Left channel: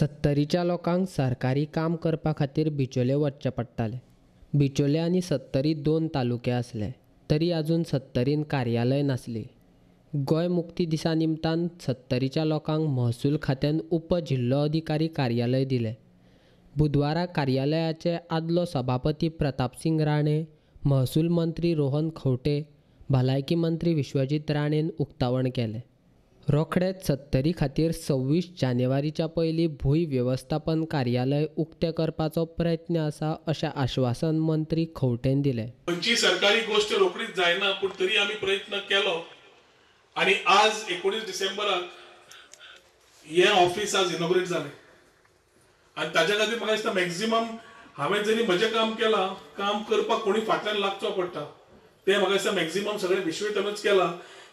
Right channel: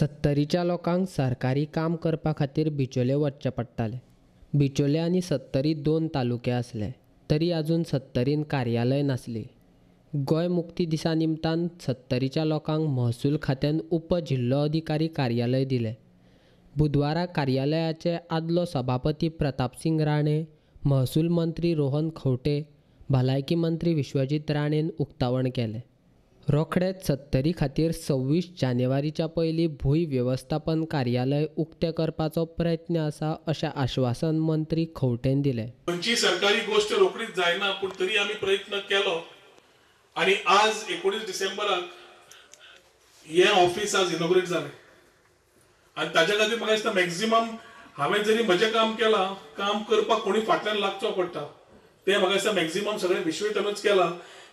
सत्तरीच्या लोकांक सरकारी काम करपा खातीर बिचोले वचचें पडटालें. बिचोले आनी सत्तरी दोन तालुके आसले, तरी आजून सत्तरीन कार्यालय नासली. गोंय मुक्ती दिसा निमतान सत्तरीच्या लोकांक महसूल खात्यान उपजिल्लो अधिकारी कार्यालय दिलें. बुधवारा कार्यालयाचे आदलो सभापती प्रतापसिंग राणे, महसूल मंत्री रोहन खंवटे, भलायकी मंत्री विश्वजीत राणेन उक्तावण केलें. रोखडेच सत्तरी खातीर 26 जानेवारीच्या पयलीं भूंय वेवस्थापन कार्यालय उक्तें करपाचो प्रयत्न आसा अशें आश्वासन मंत्री खंवटेन दिलें. खंयची सरकारी गोष्ट रोखडीच जायना, पूण तरी आमी प्रयत्न केलो आनी आज 19 डिसेंबराक हे ऑफिस आज इनॉग्रेट जालें. आनी ताज्या खातीर म्हाका दिसता मॅक्झिमम हांवें जरी म्हजें काम केलां, काम करपाक कोणी फाटल्यान लागचो पडटा. तें म्हाका दिसता मॅक्झिमम सगळें विश्वविद्यालयानूच केलां.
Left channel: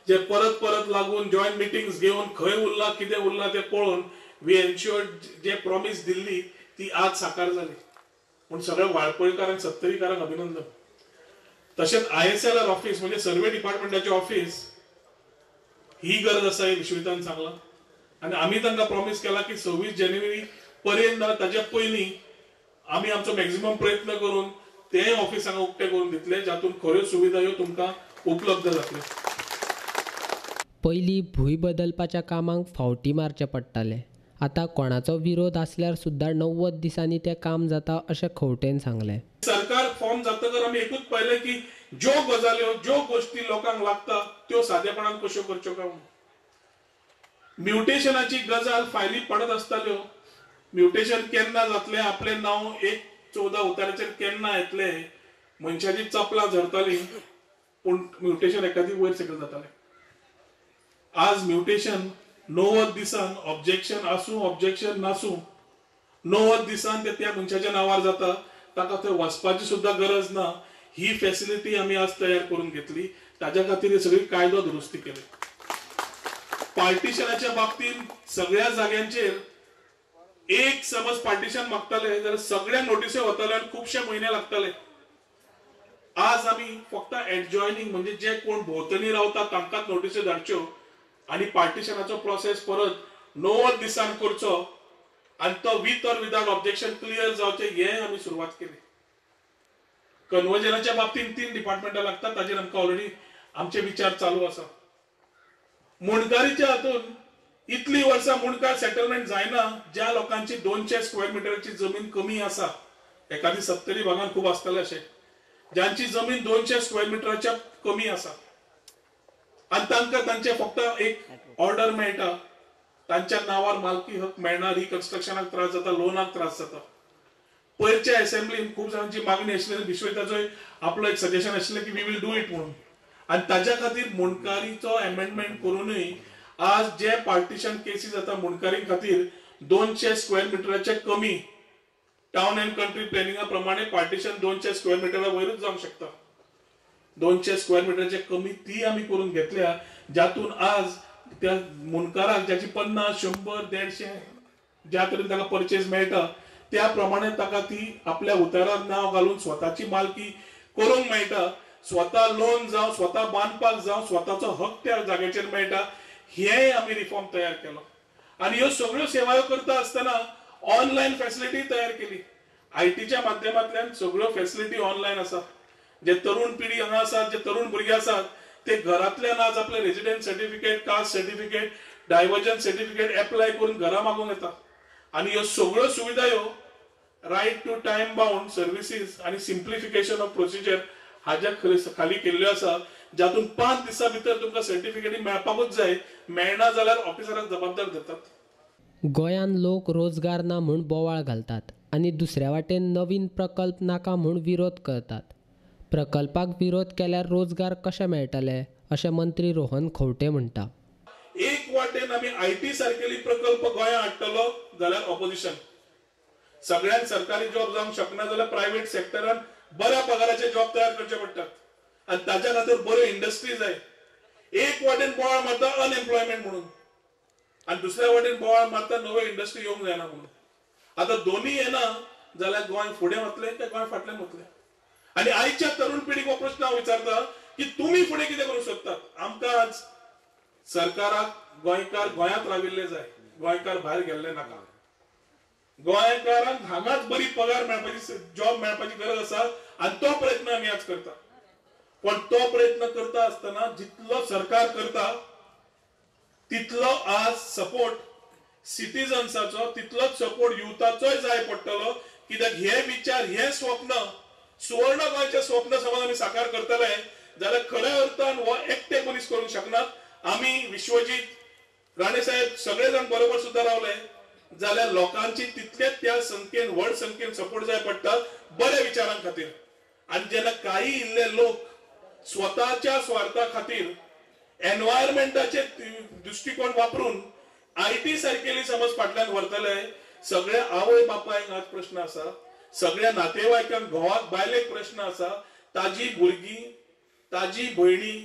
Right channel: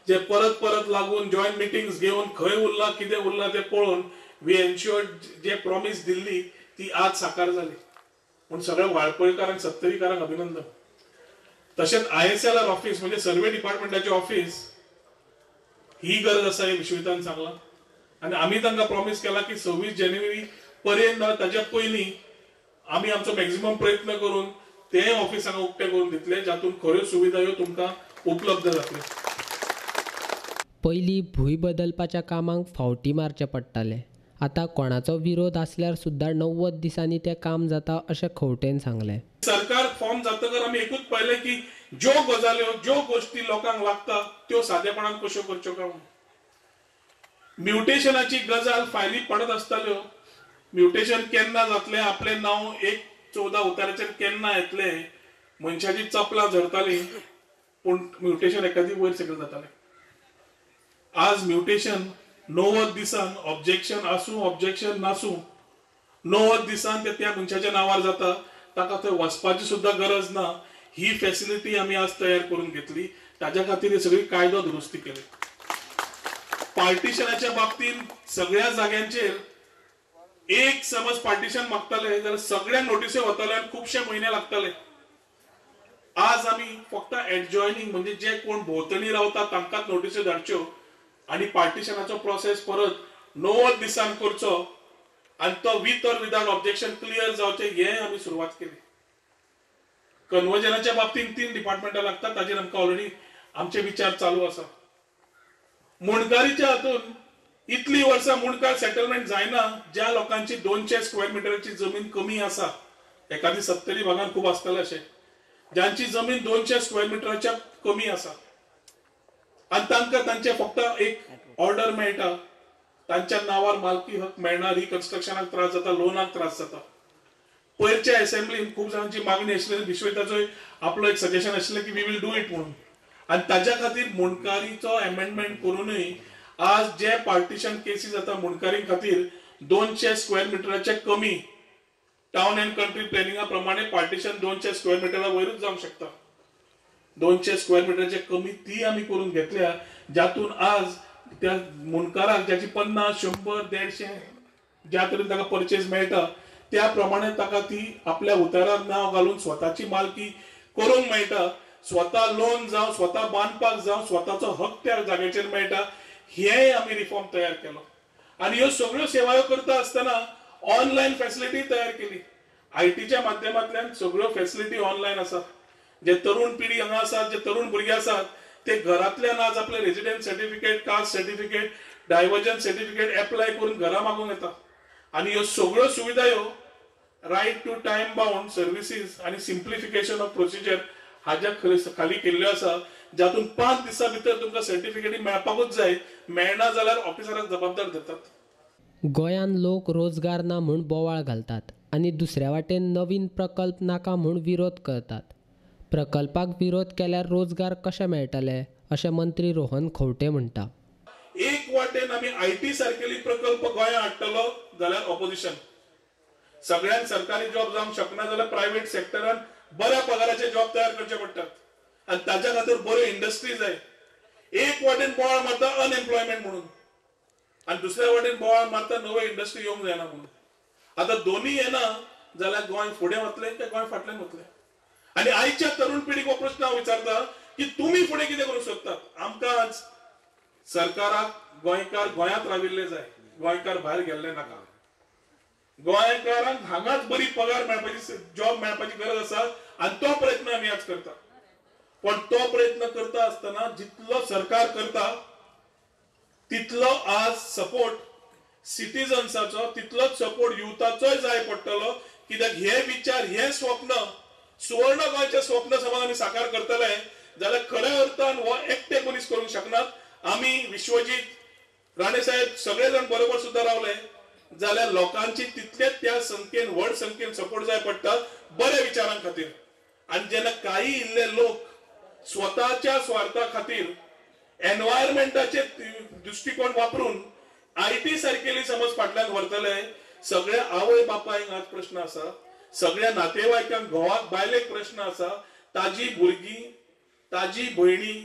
जे परत परत लागून जॉयंट मिटिंग्स घेवन खंय उरला कितें उरला तें पळोवन वी एन्श्योर्ड जे प्रॉमिस दिल्ली ती आज साकार जाली. पूण सगळ्या वाळपयकारांक सत्तरीकारांक अभिनंदन. तशेंच ISLR ऑफिस म्हणजे सर्वे डिपार्टमेंटाचे ऑफिस ही गरज आसा हे विश्वविद्यालयान सांगला. आनी आमी तांकां प्रॉमिस केला की 26 जानेवारी पर्यंत ताच्या पयलीं आमी आमचो मॅक्झिमम प्रयत्न करून तें ऑफिस हांगा उक्तें करून दितले, जातून खऱ्यो सुविधा ह्यो तुमकां उपलब्ध जातल्यो. पयलीं भूंय बदलपाच्या कामांक फावटी मारचें पडटालें. आतां कोणाचो विरोध आसल्यार सुद्दां 90 दिसांनी तें काम जाता अशें खंवटेन सांगलें. सरकार फॉर्म जातकर आमी एकूच पळयलें की ज्यो गजाल्यो ज्यो गोश्टी लोकांक लागता त्यो सादेपणान कश्यो करच्यो काय म्हणून. म्युटेशनाची गजाल फायली पडत आसताल्यो. म्युटेशन केन्ना जातलें, आपलें नांव 14 उताराचेर केन्ना येतलें, मनशाची चपलां झरतालीं, पूण म्युटेशन एखादी वयर सकयल जातालें. आज म्युटेशन 90 दिसान ऑब्जेक्शन आसूं ऑब्जेक्शन नासूं 90 दिसान ते त्या मनशाच्या नांवार जाता. ताका थंय वचपाची सुद्दां गरज ना. ही फॅसिलिटी आमी आज तयार करून घेतली. ताज्या खातीर ही सगळी कायदो दुरुस्ती केली. पार्टिशनाच्या बाबतींत सगळ्या जाग्यांचेर एक समज पार्टिशन मागताले जाल्यार सगळ्या नोटिसो वताले आनी खुबशे म्हयने लागताले. आज आमी फक्त एडजॉयनिंग म्हणजे जे कोण भोंवतणी रावता तांकांच नोटिसो धाडच्यो आनी पार्टिशनाचो प्रोसेस परत 90 दिसान करचो आनी तो with or without objection clear जावचे हे आमी सुरवात केली. कन्वर्जनाच्या बाबतींत 3 डिपार्टमेंटां लागतात, ताजेर आमकां ऑलरेडी आमचे विचार चालू आसा. मुणकारीच्या हातून इतली वर्सां मुणकार सेटलमेंट जायना ज्या लोकांची 200 स्क्वेअर मिटराची जमीन कमी आसा. एखादी सत्तरी भागांत खूब आसतले अशें ज्यांची जमीन 200 स्क्वेअर मिटराच्या कमी आसा आनी तांकां तांचे फक्त एक ऑर्डर मेळटा, तांच्या नांवार मालकी हक मेळना, रिकन्स्ट्रक्शनाक त्रास जाता, लोनाक त्रास जाता. पयरच्या असेंब्लीन खूब जाणांची मागणी आशिल्ली, विश्वविद्यालयाचो आपलो एक सजेशन आशिल्लें की वी वील डू इट म्हणून. आनी ताज्या खातीर मुणकारीचो अमेंडमेंट करूनय आज जे पार्टिशन केसीस जाता मुणकारी खातीर 200 स्क्वेअर मिटराचे कमी टाउन अँड कंट्री प्लॅनिंगा प्रमाणे पार्टिशन 200 स्क्वेअर मिटरा वयरूच जावंक शकता. 200 स्क्वेअर मिटराचे कमी ती आमी करून घेतल्या, जातून आज त्या मुणकाराक ज्याची 50, 100, 150 ज्या तरेन ताका परचेज मेळटा त्या प्रमाणे ताका ती आपल्या उतारार नांव घालून स्वताची मालकी करूंक मेळटा. स्वता लोन जावं, स्वता बांदपाक जावं, स्वताचो हक त्या जाग्याचेर मेळटा. हे आमी रिफॉर्म तयार केलो. आनी ह्यो सगळ्यो सेवा करता आसतना ऑनलायन फॅसिलिटी तयार केली. ITच्या माध्यमांतल्यान सगळ्यो फॅसिलिटी ऑनलायन आसा. जे तरुण पिढी हांगा आसात, जे तरुण भुरगे आसात, ते घरांतल्यान आज आपले resident certificate, caste certificate, diversion certificate apply करून घरा मागूंक येता. आनी ह्यो सगळ्यो सुविधा ह्यो right to time bound services आनी सिम्प्लिफिकेशन ऑफ प्रोसिजर हाज्या खाली केल्ल्यो आसा, जातून 5 दिसां भितर तुमकां सर्टिफिकेटी मेळपाकूच जाय. मेळना जाल्यार ऑफिसराक जबाबदार धरतात. गोंयान लोक रोजगार ना म्हूण बोवाळ घालतात आनी दुसऱ्या वाटेन नवीन प्रकल्प नाका म्हूण विरोध करतात. प्रकल्पाक विरोध केल्यार रोजगार कशे मेळटले अशें मंत्री रोहन खंवटे म्हणटा. एक वाटेन आमी IT सारकेली प्रकल्प गोंयांत हाडटलो जाल्यार ऑपोजिशन. सगळ्यांक सरकारी जॉब जावंक शकना जाल्यार प्रायव्हेट सेक्टरान बऱ्या पगाराचे जॉब तयार करचे पडटात आनी ताच्या खातीर बऱ्यो इंडस्ट्री जाय. एक वाटेन बोवाळ मारता अनएम्प्लॉयमेंट म्हणून आनी दुसऱ्या वाटेन बोवाळ मारता नव्यो इंडस्ट्री येवंक जायना म्हणून. आतां दोनूय येना जाल्यार गोंय फुडें वतलें काय गोंय फाटल्यान वतलें. आनी आयच्या तरुण पिढीक हो प्रश्न हांव विचारता की तुमी फुडें कितें करूंक शकतात. आमकां आज सरकाराक गोंयकार गोंयांत राविल्ले जाय, गोंयकार भायर गेल्ले नाका. गोंयकारांक हांगाच बरी पगार मेळपाची जॉब मेळपाची गरज आसा आणि तो प्रयत्न आमी आज करता. पण तो प्रयत्न करता आसतना जितलो सरकार करता तितलो आज सपोर्ट सिटीजन्साचो तितलोच सपोर्ट युथाचोय जाय पडटलो. कित्याक हे विचार हे स्वप्न सुवर्ण गोंयचे स्वप्न समज आमी साकार करतले जाल्यार खऱ्या अर्थान हो एकटे मनीस करूंक शकनात. आमी विश्वजीत राणे साहेब सगळे जण बरोबर सुद्धा रावले जाल्यार लोकांची तितलेच त्या संख्येन व्हड संख्येन सपोर्ट जाय पडटा बरे विचारां खातीर. आणि जेन्ना काही इल्ले लोक स्वताच्या स्वार्था खातीर एनवायरमेंटाचे दृष्टिकोन वापरून आयटी सारकेली समज फाटल्यान व्हरतले सगळ्या आवय बापायक आज प्रश्न आसा, सगळ्या नातेवाईकांक घोवाक बायलेक प्रश्न आसा, ताजी भुरगीं ताजी भयणी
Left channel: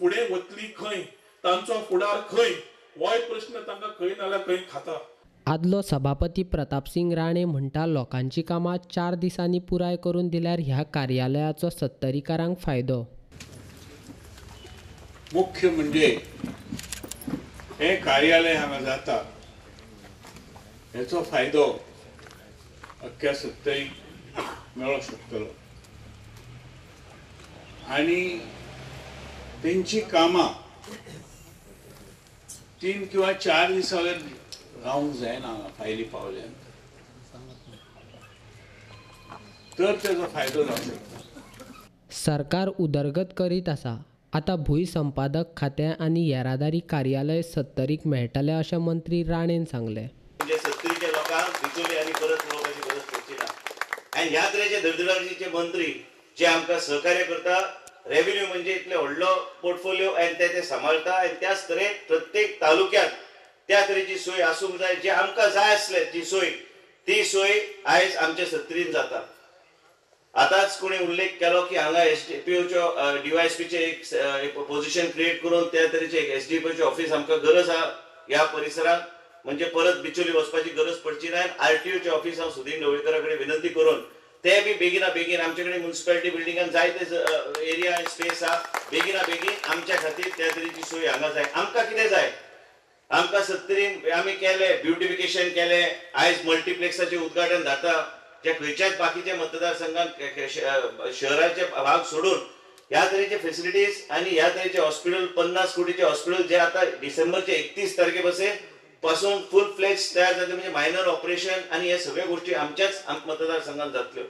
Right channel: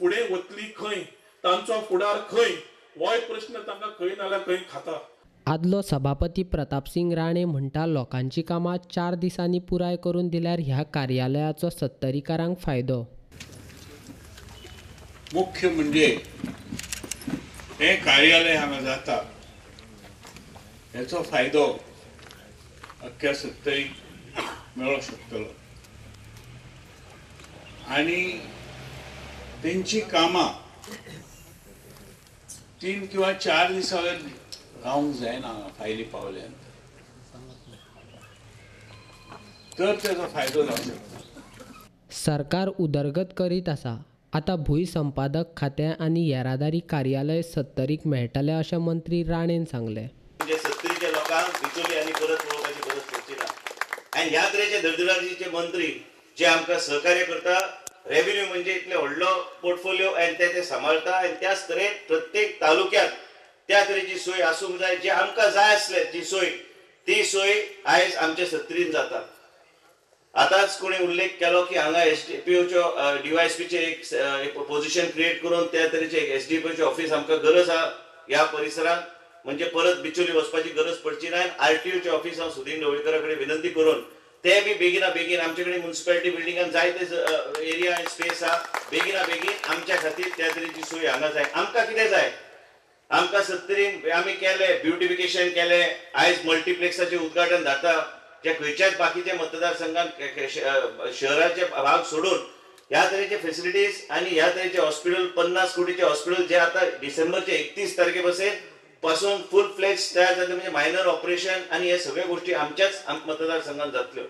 फुडें वतली खंय, तांचो फुडार खंय, होय प्रश्न तांकां खंय नाल्यार खंय खाता. आदलो सभापती प्रतापसिंग राणे म्हणटा लोकांची कामां 4 दिसांनी पुराय करून दिल्यार ह्या कार्यालयाचो सत्तरीकारांक फायदो. मुख्य म्हणजे हे कार्यालय हांगा जाता हेचो फायदो अख्ख्या सत्तरीक मेळोंक शकतलो आणि तेंची कामां 3 किंवा 4 दिसां रावंक जायना फायली पावल्यान तर तेजो फायदो जावंक शकता. सरकार उदरगत करीत आसा. आता भूंय संपादक खातें आनी येरादारी कार्यालय सत्तरीक मेळटलें अशें मंत्री राणेन सांगलें. म्हणजे सत्तरीच्या लोकांक बिचोले आनी परत पळोवपाची गरज पडची ना. आनी ह्या तरेचे धडधडाटीचे मंत्री जे आमकां सहकार्य करता, रेव्हेन्यू म्हणजे इतले व्हडलो पोर्टफोलिओ आनी ते सांबाळटा आनी त्याच तरेन प्रत्येक तालुक्यात त्या तरेची सोय आसूंक जाय. जे आमकां जाय आसले ती सोय आयज आमच्या सत्तरीन जाता. आताच कोणी उल्लेख केलो की हांगा एसडीपीओच्यो डीवायएसपीचे एक पोझिशन क्रिएट करून त्या तरेचे एसडीपीओचे ऑफिस आमकां गरज आहा ह्या परिसरात. म्हणजे परत बिचोली वचपाची गरज पडची ना. आरटीओचे ऑफिस हांव सुदीन ढवळीकरा कडेन विनंती करून ते बी बेगिना बेगीन आमचे कडेन म्युनिसिपालिटी बिल्डिंगान जायते एरिया आनी स्पेस आहा बेगिना बेगीन आमच्या खातीर त्या तरेची सोय हांगा जाय. आमकां कितें जाय, आमकां सत्तरीन आमी केले ब्युटिफिकेशन केले, आयज मल्टीप्लेक्साचे उद्घाटन जाता जे खंयच्याच बाकीच्या मतदारसंघात शहराचे भाग सोडून ह्या तरेचे फेसिलिटीज आणि ह्या तरेचे हॉस्पिटल 50 कोटीचे हॉस्पिटल जे आता डिसेंबरचे 31 तारखे पासून फुल फ्लेज तयार जातले. म्हणजे मायनर ऑपरेशन आणि हे सगळ्या गोष्टी आमच्याच मतदारसंघात जातल्यो.